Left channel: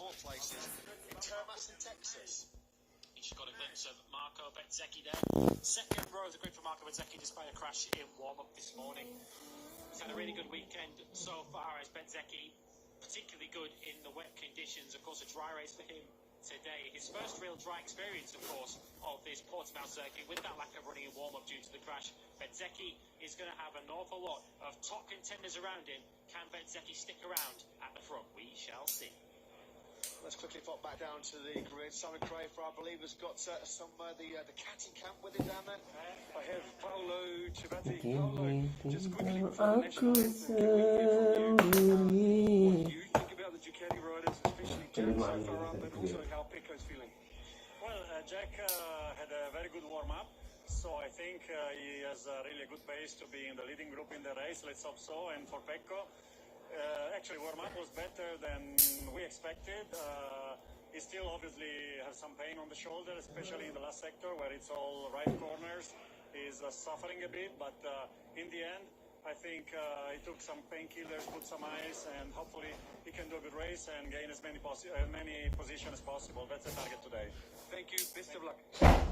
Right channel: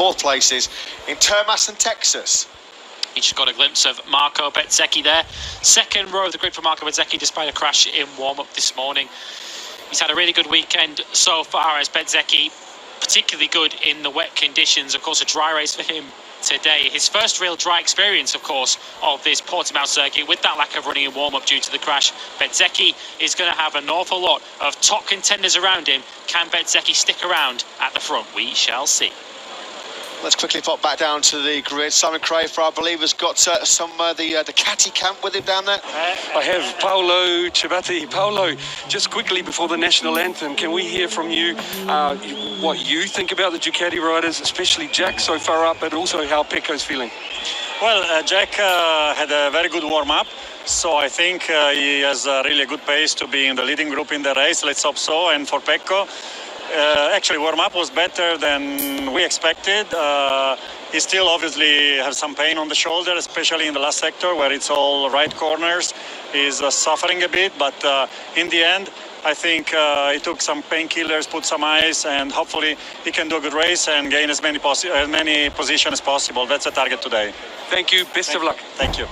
fourth places in Termas and Texas. You just got a glimpse of Marco Bezzecchi there. Second row of the grid for Marco Bezzecchi despite a crash in warm-up this morning. He's had a really good weekend so far as Bezzecchi, particularly good in the wet conditions. Of course, a dry race for him today. His first real dry experience, of course, of this Portimao circuit with that lack of running in warm-up due to the crash. Bezzecchi is going to have an awful lot of top contenders around him. Can Bezzecchi stick around at the front? We shall see. Let's quickly pop back down to the grid. Simon Crafer, I believe, has got some the Catty camp with him down there. I have Paolo Ciabatti. Paolo, just quickly before the national anthem, can we hear from you what you think about the Ducati riders, especially Jack so far up, but also how Pecco's feeling? Well, Jack had a very good warm-up, so I think he has a really good pace to be in the leading group in the race. Let's hope so. And for Pecco, actually warm-up was better than we expected. He still obviously has some pain on the shoulder, especially in the last sector where it's all right corners. He's suffering a bit, but in the end, I think he took some painkillers, put some ice, and hopefully he can do a good race and gain as many positions as possible. That's the target today. Thank you. Best of luck. Thank you.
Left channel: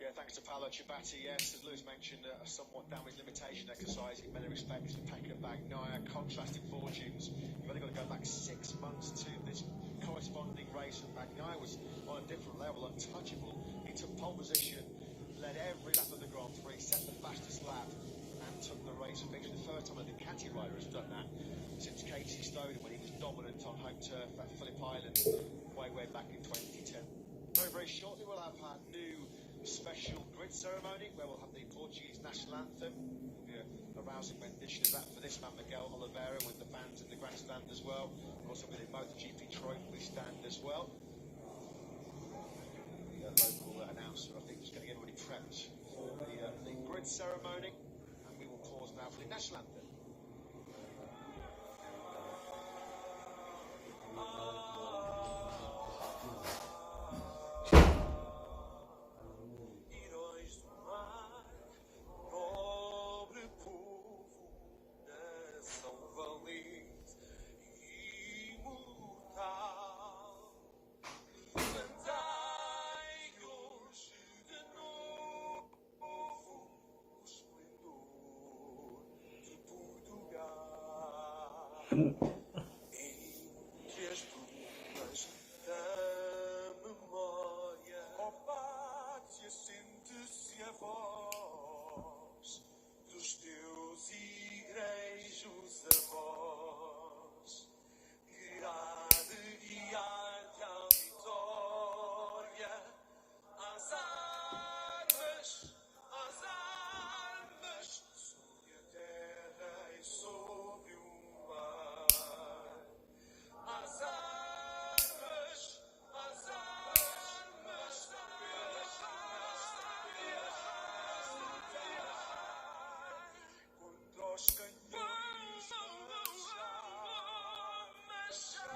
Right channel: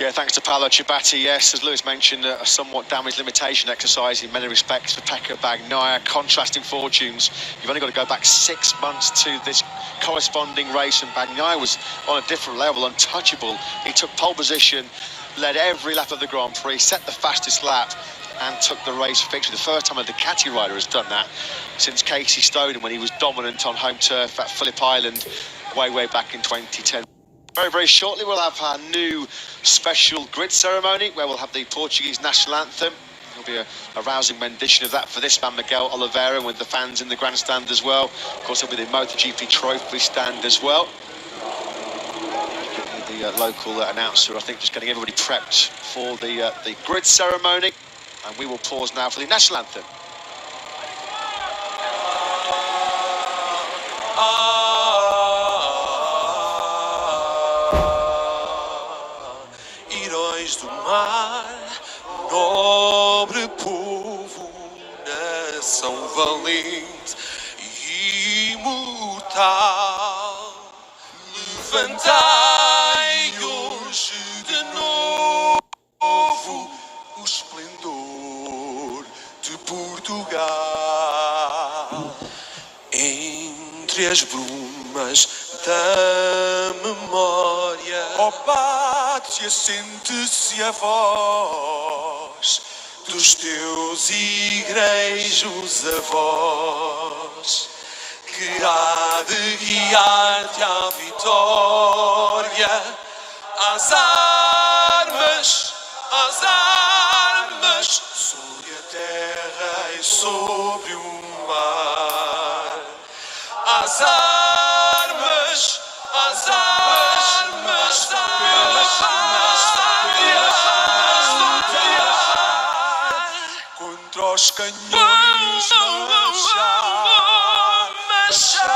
Yeah, thanks to Paolo Ciabatti. Yes, as Lewis mentioned, a somewhat damage limitation exercise in many respects for Pecco Bagnaia. Contrasting fortunes. You've only got to go back 6 months to this corresponding race, and Bagnaia was on a different level, untouchable. He took pole position, led every lap of the Grand Prix, set the fastest lap, and took the race victory. The first time a Ducati rider has done that since Casey Stoner when he was dominant on home turf at Phillip Island way back in 2010. Very, very shortly, we'll have our new special grid ceremony where we'll have the Portuguese national anthem. There'll be a rousing rendition of that for this man, Miguel Oliveira, with the fans in the grandstand as well. Of course, there'll be the MotoGP trophy stand as well. The local announcer, I think, just getting everybody prepped for the grid ceremony. And we will pause now for the national anthem. Do mar, nobre povo, nação valente e imortal, levantai hoje de novo o esplendor de Portugal. Entre as brumas da memória, ó pátria, sente-se a voz dos teus igrejos avós, que há de guiar-te à vitória, às armas, sobre a terra e sobre o mar, às armas, pela pátria, contra os canhões marchar.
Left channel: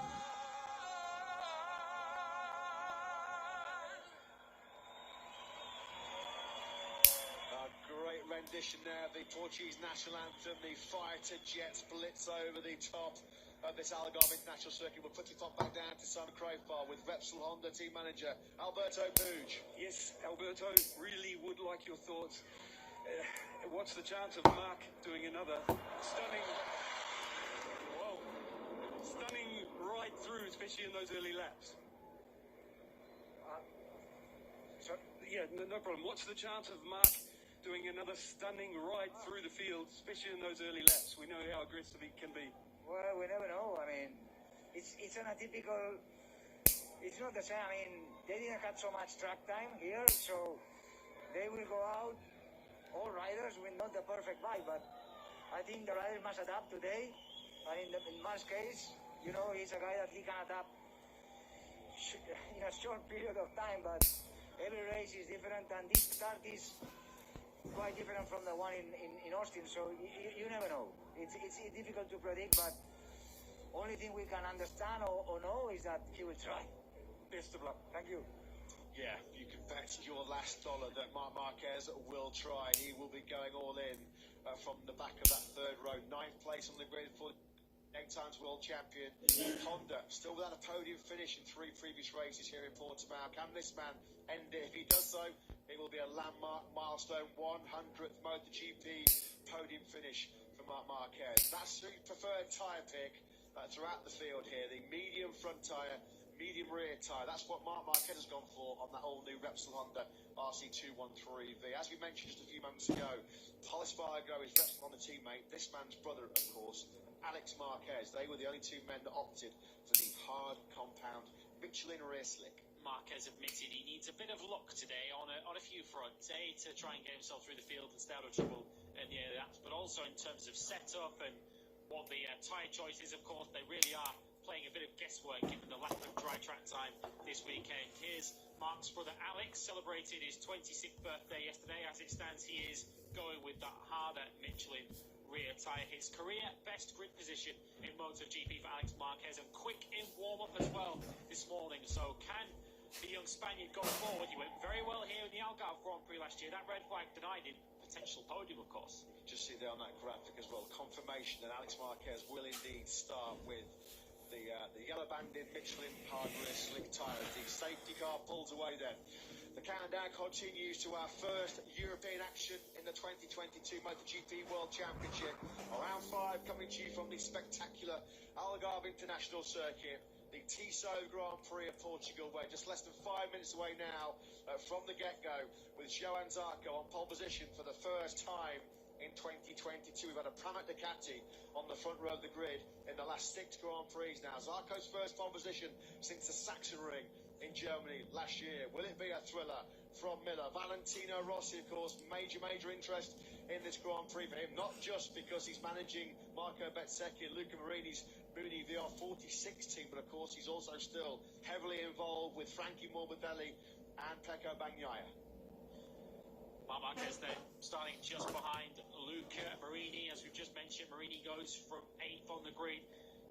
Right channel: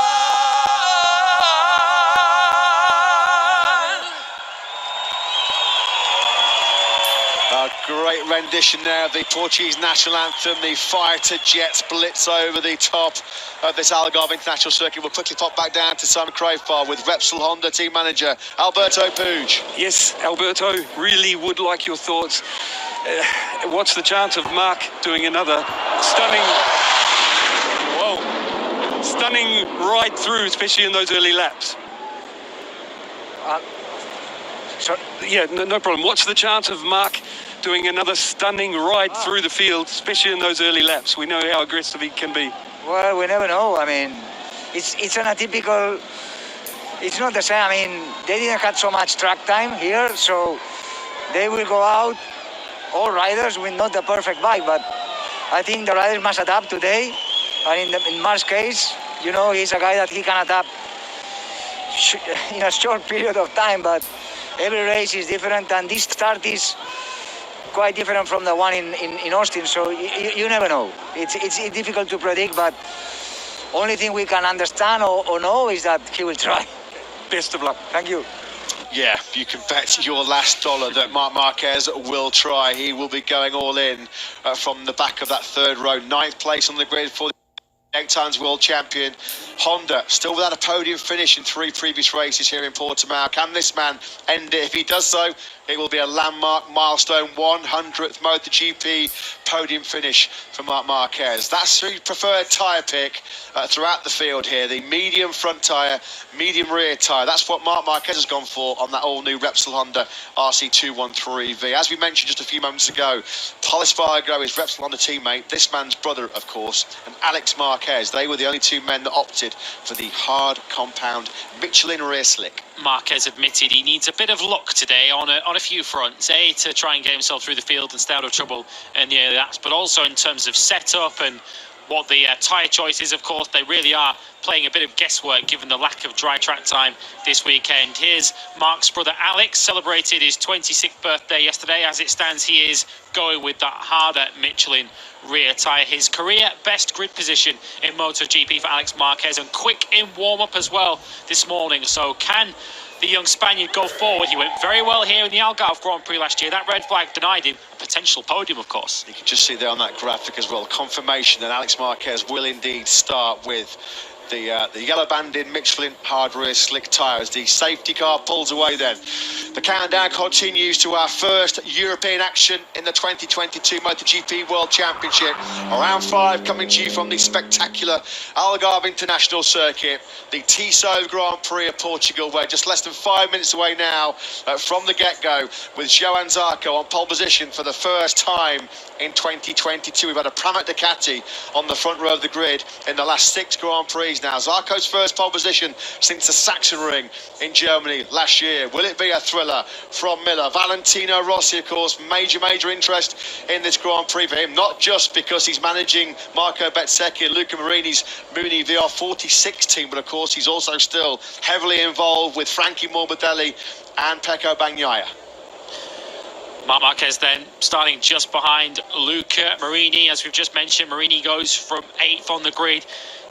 A great rendition there of the Portuguese national anthem. The fighter jets blitz over the top of this Algarve International Circuit. We'll quickly pop back down to Simon Crafer with Repsol Honda team manager Alberto Puig. Yes, Alberto, really would like your thoughts. What's the chance of Mark doing another stunning ride through, especially in those early laps? Yeah, no problem. What's the chance of Mark doing another stunning ride through the field, especially in those early laps? We know how aggressive he can be. Well, we never know. I mean, it's an atypical. It's not the same. I mean, they didn't have so much track time here, so they will go out, all riders, with not the perfect bike, but I think the riders must adapt today. And in Mark's case, you know, he's a guy that he can adapt in a short period of time, but every race is different, and this start is quite different from the one in Austin, so you never know. It's difficult to predict, but only thing we can understand or know is that he will try. Best of luck. Thank you. Yeah, you can bet your last dollar that Marc Marquez will try. He will be going all in from the back of that third row. 9th place on the grid for 8 times world champion. Honda still without a podium finish in 3 previous races here in Portimao. Can this man end it? If he does so, it will be a landmark milestone, 100th MotoGP podium finish for Marc Marquez. That's his preferred tyre pick throughout the field here. The medium front tyre, medium rear tyre. That's what Marc Marquez has gone for on that all-new Repsol Honda RC213V. As we mentioned just a few moments ago, Pol Espargaro is Repsol Honda teammate, this man's brother, of course, and Alex Marquez. They were the only 2 men that opted for the hard compound Michelin rear slick. Marquez admitted he needs a bit of luck today on a few fronts. A, to try and get himself through the field and stay out of trouble in the early laps, but also in terms of setup and what the tyre choice is. Of course, they really are playing a bit of guesswork given the lack of dry track time this weekend. Here's Mark's brother Alex, celebrated his 26th birthday yesterday. As it stands, he is going with that harder Michelin rear tyre. His career best grid position in MotoGP for Alex Marquez, and quick in warm-up as well this morning. So can the young Spaniard go forward? He went very well here in the Algarve Grand Prix last year. That red flag denied him a potential podium, of course. You can just see there on that graphic as well, confirmation that Alex Marquez will indeed start with the yellow banded Michelin hard rear slick tyre as the safety car pulls away then. The countdown continues to our first European action in the 2022 MotoGP World Championship. Round 5 coming to you from the spectacular Algarve International Circuit, the Tiso Grand Prix of Portugal. We're just less than 5 minutes away now from the get-go, with Johan Zarco on pole position for the first time in 2022. We've had a Pramac Ducati on the front row of the grid in the last 6 Grand Prix now. Zarco's first pole position since the Sachsenring in Germany last year. Will it be a thriller from Miller? Valentino Rossi, of course, major interest in this Grand Prix for him, not just because he's managing Marco Bezzecchi and Luca Marini's Muni VR46 team, but of course he's also still heavily involved with Frankie Morbidelli and Pecco Bagnaia. Marc Marquez then starting just behind Luca Marini. As we've just mentioned, Marini goes from 8th on the grid.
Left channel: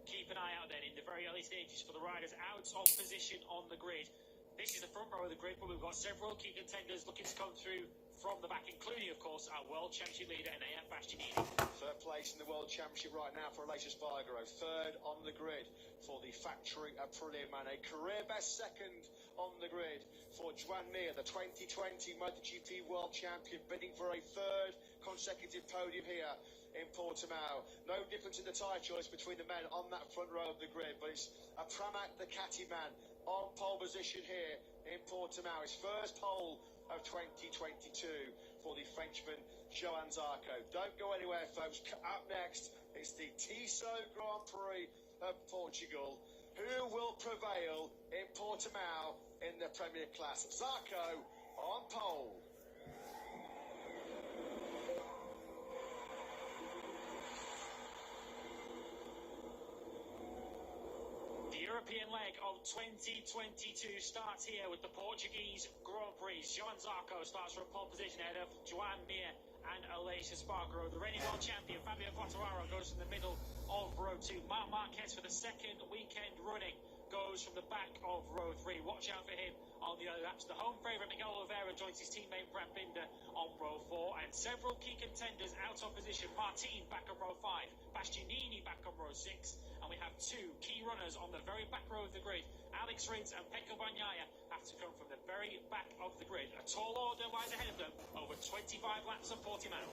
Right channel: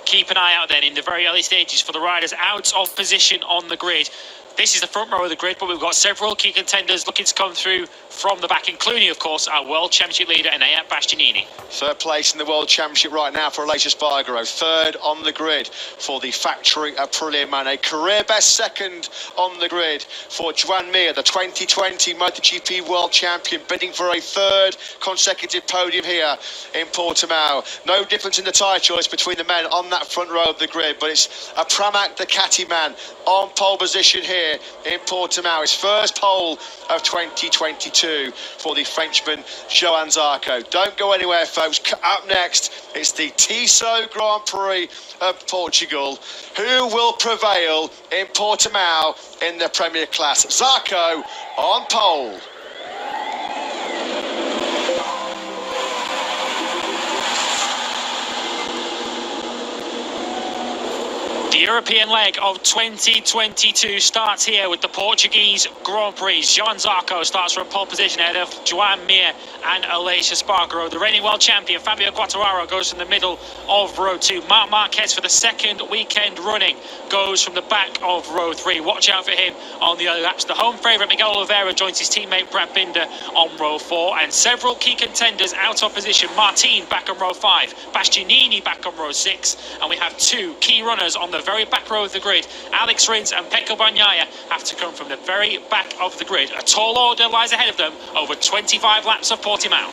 Keep an eye out then in the very early stages for the riders out of position on the grid. This is the front row of the grid, but we've got several key contenders looking to come through from the back, including, of course, our World Championship leader, Enea Bastianini. 3rd place in the World Championship right now for Aleix Espargaro. 3rd on the grid for the factory Aprilia Man. A career best 2nd on the grid for Joan Mir, the 2020 MotoGP World Champion, bidding for a 3rd consecutive podium here in Portimao. No difference in the tyre choice between the men on that front row of the grid, but it's a Pramac Ducati man on pole position here in Portimao. His first pole of 2022 for the Frenchman Johan Zarco. Don't go anywhere, folks. Up next, it's the Tiso Grand Prix of Portugal. Who will prevail in Portimao in the Premier Class? Zarco on pole. The European leg of 2022 starts here with the Portuguese Grand Prix. Johan Zarco starts from pole position ahead of Joan Mir and Aleix Espargaro. The reigning world champion Fabio Quartararo goes from the middle of row 2. Marc Marquez, for the 2nd weekend running, goes from the back of row 3. Watch out for him on the early laps. The home favourite Miguel Oliveira joins his teammate Brad Binder on row 4, and several key contenders out of position. Martin back on row 5, Bastianini back on row 6, and we have 2 key runners on the very back row of the grid. Alex Rins and Pecco Bagnaia have to come from the very back of the grid. A tall order lies ahead of them over 25 laps of Portimao.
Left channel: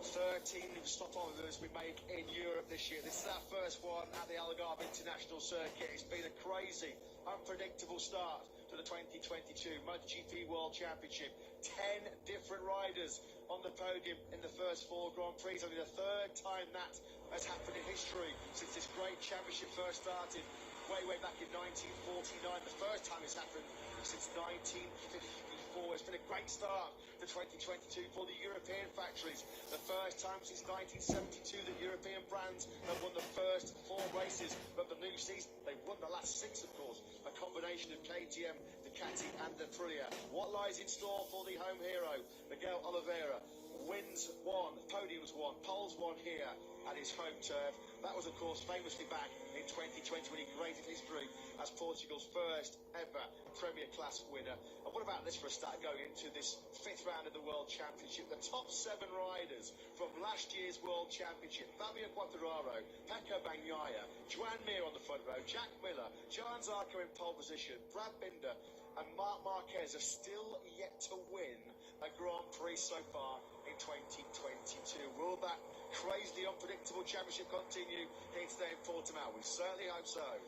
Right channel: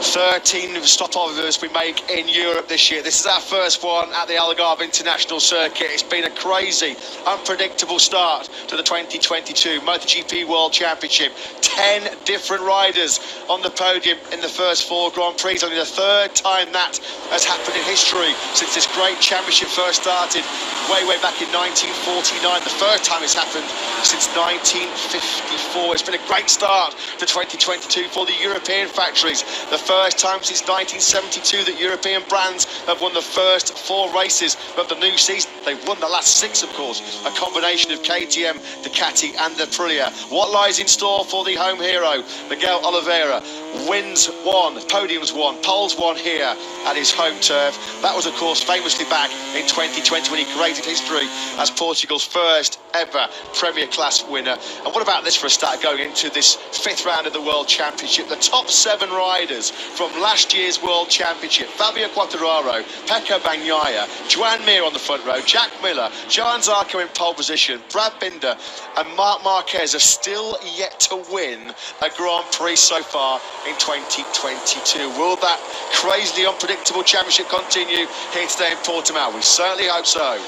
13 stopovers we make in Europe this year. This is our first one at the Algarve International Circuit. It's been a crazy, unpredictable start to the 2022 MotoGP World Championship. 10 different riders on the podium in the first 4 Grand Prix. Only the 3rd time that has happened in history since this great championship first started way back in 1949. The first time it's happened since 1954. It's been a great start to 2022 for the European factories. The first time since 1972 that European brands have won the first 4 races of the new season. They've won the last 6, of course, a combination of KTM, Ducati and Aprilia. What lies in store for the home hero? Miguel Oliveira wins 1, podiums 1, poles 1 here at his home turf. That was, of course, famously back in 2020 when he created history as Portugal's first ever Premier Class winner. And what about this for a start going into this 5th round of the World Championship? The top 7 riders from last year's World Championship. Fabio Quartararo, Pecco Bagnaia, Joan Mir on the front row, Jack Miller, Johan Zarco in pole position, Brad Binder and Marc Marquez are still yet to win a Grand Prix so far in 2022. Will that crazily unpredictable championship continue here today in Portimao? We certainly hope so.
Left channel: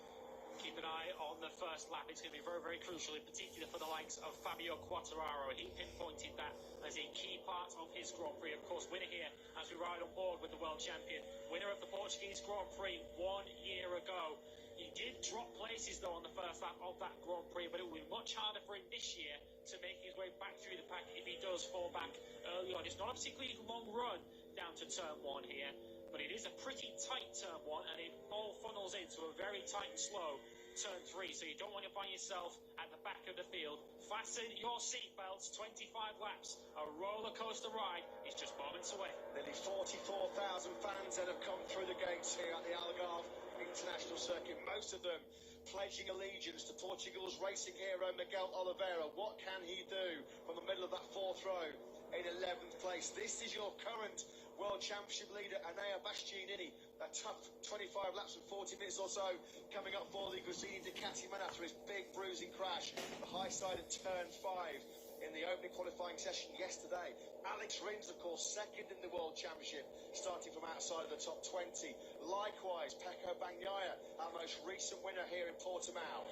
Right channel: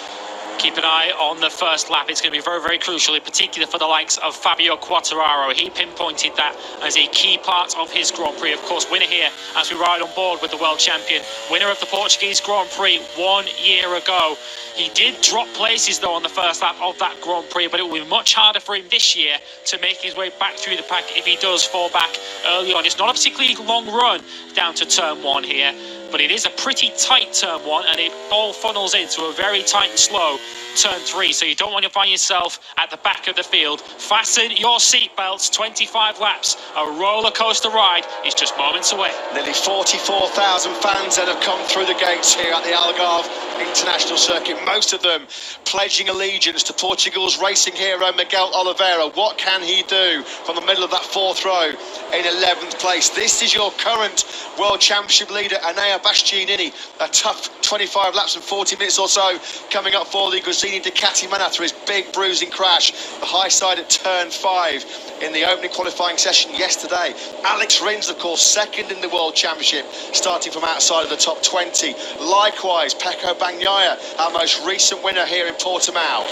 Keep an eye on the first lap. It's going to be very, very crucial, in particular for the likes of Fabio Quartararo. He pinpointed that as a key part of his Grand Prix. Of course, winner here as we ride on board with the world champion. Winner of the Portuguese Grand Prix 1 year ago. He did drop places, though, on the first lap of that Grand Prix, but it will be much harder for him this year to make his way back through the pack if he does fall back early on. It's not a particularly long run down to turn 1 here, but it is a pretty tight turn 1, and it all funnels into a very tight and slow turn 3, so you don't want to find yourself at the back of the field. Fasten your seatbelts. 25 laps, a roller coaster ride is just moments away. Nearly 44,000 fans that have come through the gates here at the Algarve International Circuit, most of them pledging allegiance to Portugal's racing hero Miguel Oliveira. What can he do from the middle of that fourth row in 11th place? This is your current World Championship leader, Enea Bastianini. A tough 25 laps and 40 minutes or so coming up for the Gresini Ducati man after his big bruising crash, the high side at turn 5 in the opening qualifying session yesterday. Alex Rins, of course, second in the World Championship, starting from outside of the top 20. Likewise, Pecco Bagnaia, our most recent winner here in Portimao.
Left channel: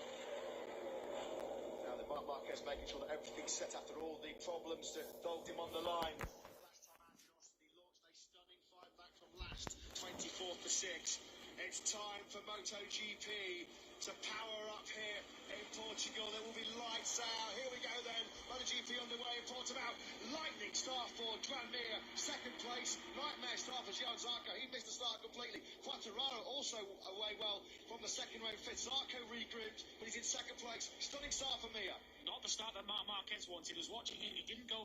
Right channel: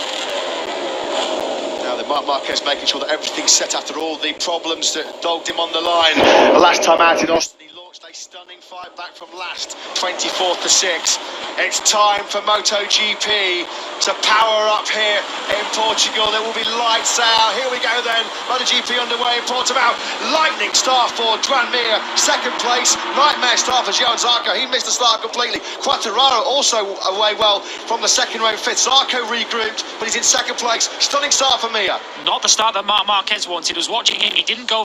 Now then, Marc Marquez making sure that everything's set after all the problems that dogged him on the line. Last time out in Austin, he launched a stunning fight back from last, 24th to 6th. It's time for MotoGP to power up here in Portugal. There will be lights out. Here we go then. MotoGP underway in Portimao. Lightning start for Joan Mir, second place. Nightmare start for Johan Zarco. He missed the start completely. Quartararo also away well from the second row fifth. Zarco regrouped, but he's in second place. Stunning start for Mir. Not the start that Marc Marquez wanted. Was watching him. He didn't go